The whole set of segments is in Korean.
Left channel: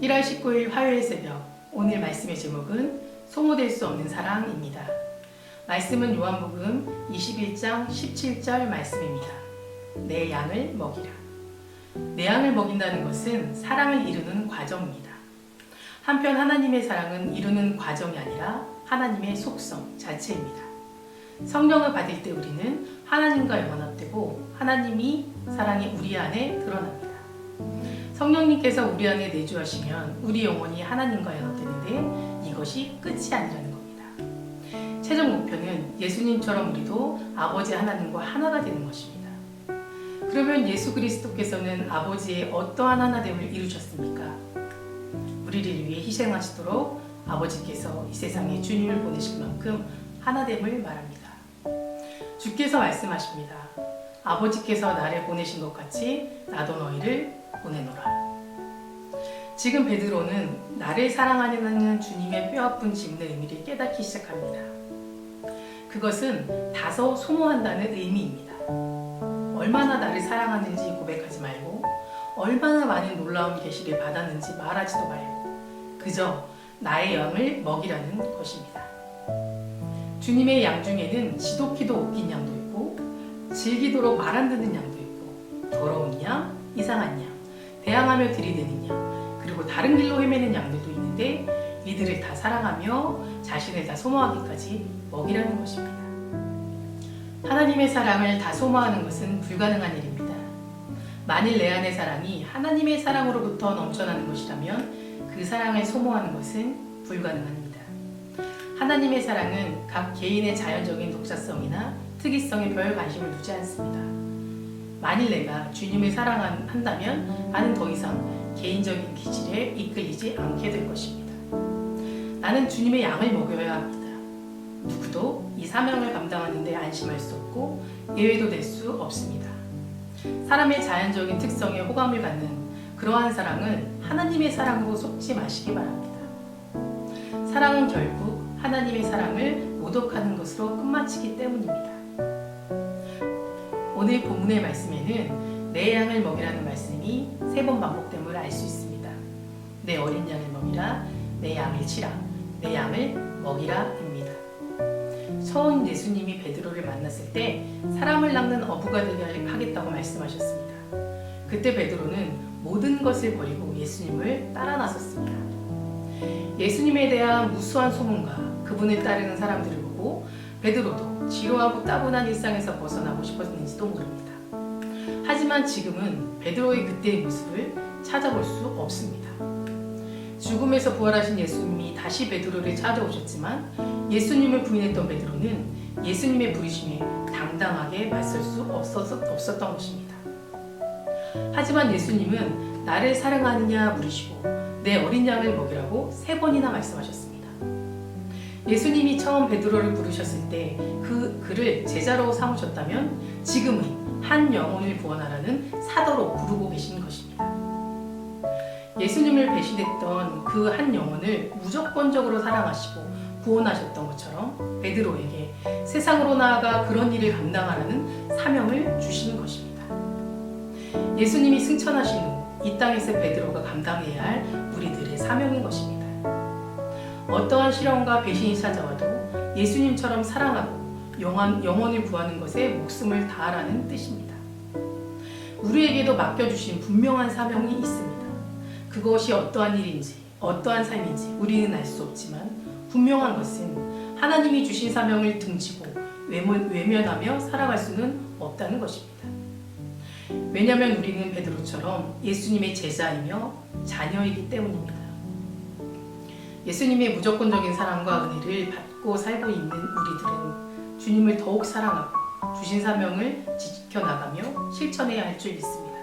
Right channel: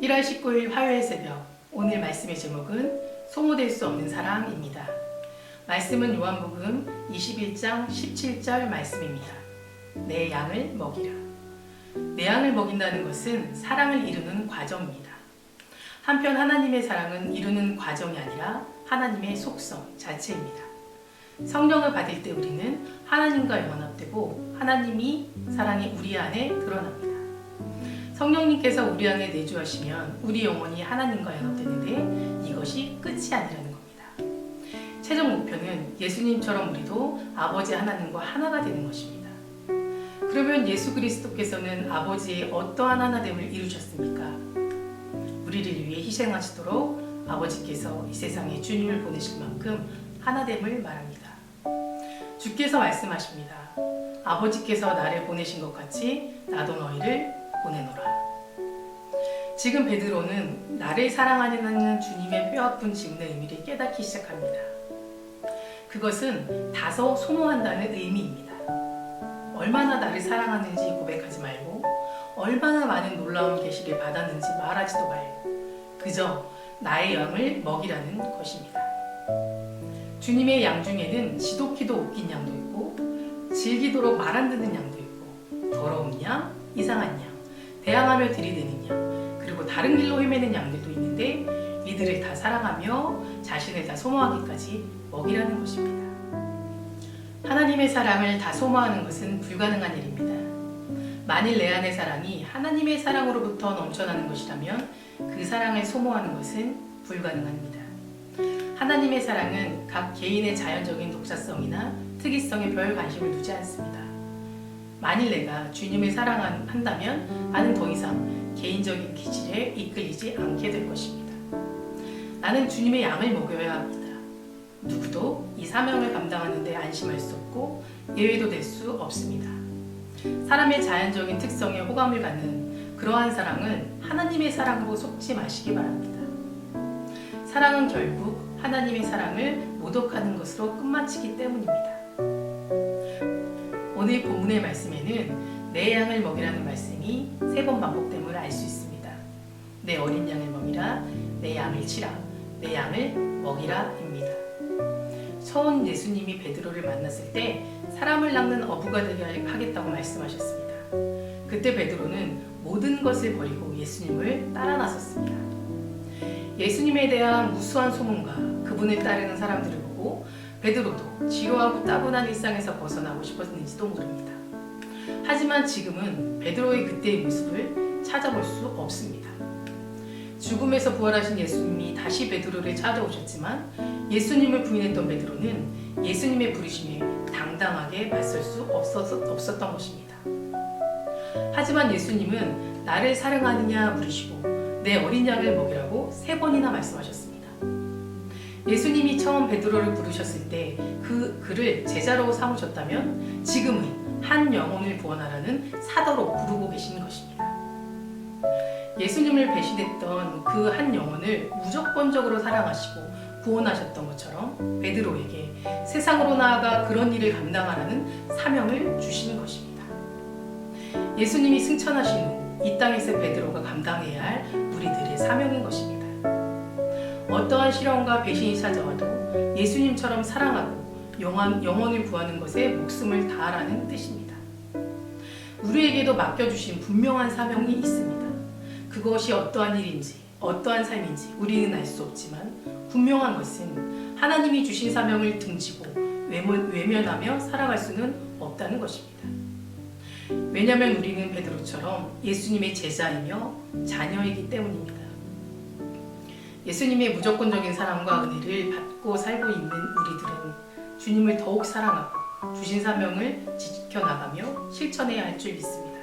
1월 19일 화요일 새벽, 오늘 말씀의 제목은 소모될 수 없는 사랑입니다. 말씀은 요한복음 21장 17절 말씀입니다. 내 양을 먹이라. 내 양을 먹인다는 것은 사랑을 이루는 과정입니다. 한편 하나님의 사랑은 이루는 과정이 아니라 하나님의 속성 자체입니다. 성령을 받을 때 우리는 하나님과 연합되고 하나님이 사랑이 우리 안에 드러납니다. 성령님께서 우리 안에 내주하시면 우리 영혼이 하나님과 연합되는데 이것이 끝이 아니라는 겁니다. 최종 목표는 예수님처럼 우리도 아버지 하나님과 하나가 되는 것입니다. 그러면 예수 그리스도께서는 아버지의 어떠한 하나됨을 이루셨습니까? 우리를 위해 희생하시도록 아버지께서 이 세상에 주님을 보내실 만큼 하나됨을 말합니다. 주께서 말씀하십니다. 아버지께서 나를 보내신 것 같이 나도 너희를 보내노라. 지금 베드로는 나를 사랑하는 주님의 뼈아픈 질문의 의미를 깨닫기 시작합니다. 그것은 다소 소모한다는 의미입니다. 얼마나 나를 사랑하는지 고백하지 말고 얼마나 많은 놀라운 계시를 받았는지 말하지도 말고 그저 나의 양을 먹이라는 것입니다. 주님의 양 중에는 지독히도 웃긴 양도 있고 질기도록 말 안 듣는 양도 있고 더러운 양, 이상한 양, 대항하며 들이대는 양, 그리고 다른 길로 헤매는 양들도 있는데 이들을 다 사랑하며 자신을 다 소모하기까지 먹이라는 것입니다. 하나님의 사랑을 다 소모하는 것은 불가능한 일입니다. 만일 내 안의 사랑이 하나님의 사랑으로부터 넘쳐나는 것이라면 그 사랑을 소모하는 것은 불가능합니다. 하나님의 사랑은 각 개인의 자연적인 독자성이나 특이성에 별 관심을 두지 않습니다. 만일 내가 주님을 사랑한다면 나는 더 이상 개인적인 기질에 이끌리지 않게 될 것입니다. 나는 주님의 양을 먹여야 합니다. 누구도 이 사명을 감당하는 데 안심할 수 없고 예외도 될 수 없습니다. 사람의 자연적인 특성에 호감을 갖는 그러한 사랑을 하나님의 사랑으로 속지 마시기 바랍니다. 사랑은 결국 하나님의 사랑을 모독하는 것으로 끝마치기 때문입니다. 오늘 본문의 말씀에는 내 양을 먹이라는 말씀이 3번 반복됨을 알 수 있습니다. 내 어린 양을 먹이라, 내 양을 치라, 내 양을 먹이라입니다. 처음 예수님이 베드로를 만났을 때 사람을 낚는 어부가 되게 하겠다고 말씀하셨습니다. 그때 베드로는 모든 것을 버리고 예수님을 따라 나섰습니다. 예수님에 대한 무수한 소문과 그분을 따르는 사람들을 보고 베드로도 지루하고 따분한 일상에서 벗어나고 싶었는지도 모릅니다. 하지만 지금은 베드로의 그때의 모습을 찾아볼 수 없습니다. 죽음에서 부활하신 예수님이 다시 베드로를 찾아오셨지만 예수님을 부인했던 베드로는 예수님의 부르심에 당당하게 맞설 수 없었던 것입니다. 하지만 예수님은 나를 사랑하느냐 물으시고 내 어린 양을 먹이라고 3번이나 말씀하셨습니다. 예수님이 처음 베드로를 부르셨을 때 그를 제자로 삼으셨다면 지금은 한 영혼을 구원하라는 사도로 부르고 계신 것입니다. 예수님을 배신했던 그 한 영혼을 무조건적으로 사랑하시고 구원하셨던 것처럼 베드로에게 세상으로 나아가 그런 일을 감당하라는 사명을 주신 것입니다. 예수님이 승천하신 후 이 땅에서 베드로가 감당해야 할 우리들의 사명인 것입니다. 어떠한 시련과 배신이 찾아와도 예수님처럼 사랑하고 영혼을 구하는 것에 목숨을 다하라는 뜻입니다. 우리에게도 맡겨주신 분명한 사명이 있습니다. 그것이 어떠한 일인지 어떠한 삶인지 우리는 알 수 없지만 분명한 것은 하나님이 주신 사명을 등지고 외면하며 살아갈 수는 없다는 것입니다. 왜냐하면 우리는 베드로처럼 예수님의 제자이며 자녀이기 때문입니다. 예수님의 무조건적인 사랑과 은혜를 받고 살고 있는 우리들은 주님을 더욱 사랑하고 주신 사명을 지켜나가며 실천해야 할 줄 믿습니다.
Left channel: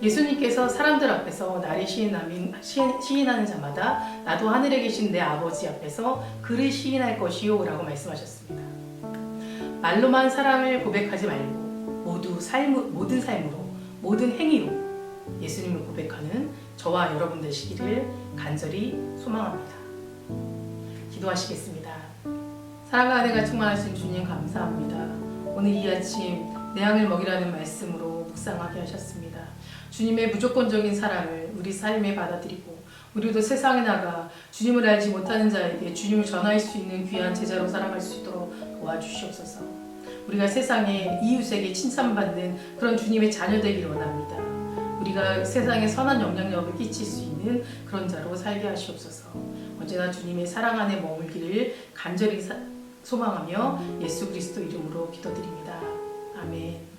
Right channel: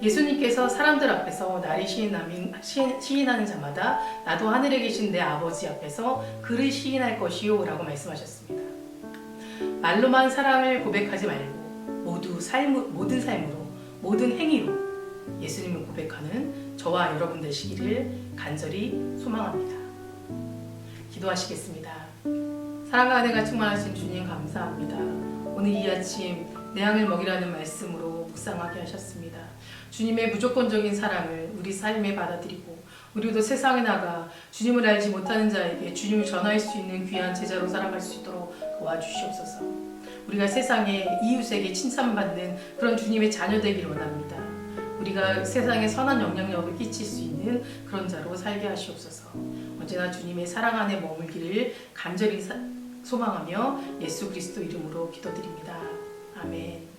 예수님께서 사람들 앞에서 나를 시인하는 자마다 나도 하늘에 계신 내 아버지 앞에서 그를 시인할 것이요 라고 말씀하셨습니다. 말로만 사랑을 고백하지 말고 모든 삶으로 모든 행위로 예수님을 고백하는 저와 여러분 되시기를 간절히 소망합니다. 기도하시겠습니다. 사랑과 은혜가 충만하신 주님 감사합니다. 오늘 이 아침 내 양을 먹이라는 말씀으로 묵상하게 하셨습니다. 주님의 무조건적인 사랑을 우리 삶에 받아들이고 우리도 세상에 나가 주님을 알지 못하는 자에게 주님을 전할 수 있는 귀한 제자로 살아갈 수 있도록 도와주시옵소서. 우리가 세상에 이웃에게 칭찬받는 그런 주님의 자녀 되기를 원합니다. 우리가 세상에 선한 영향력을 끼칠 수 있는 그런 자로 살게 하시옵소서. 언제나 주님의 사랑 안에 머물기를 간절히 소망하며 예수 그리스도 이름으로 기도드립니다. 아멘.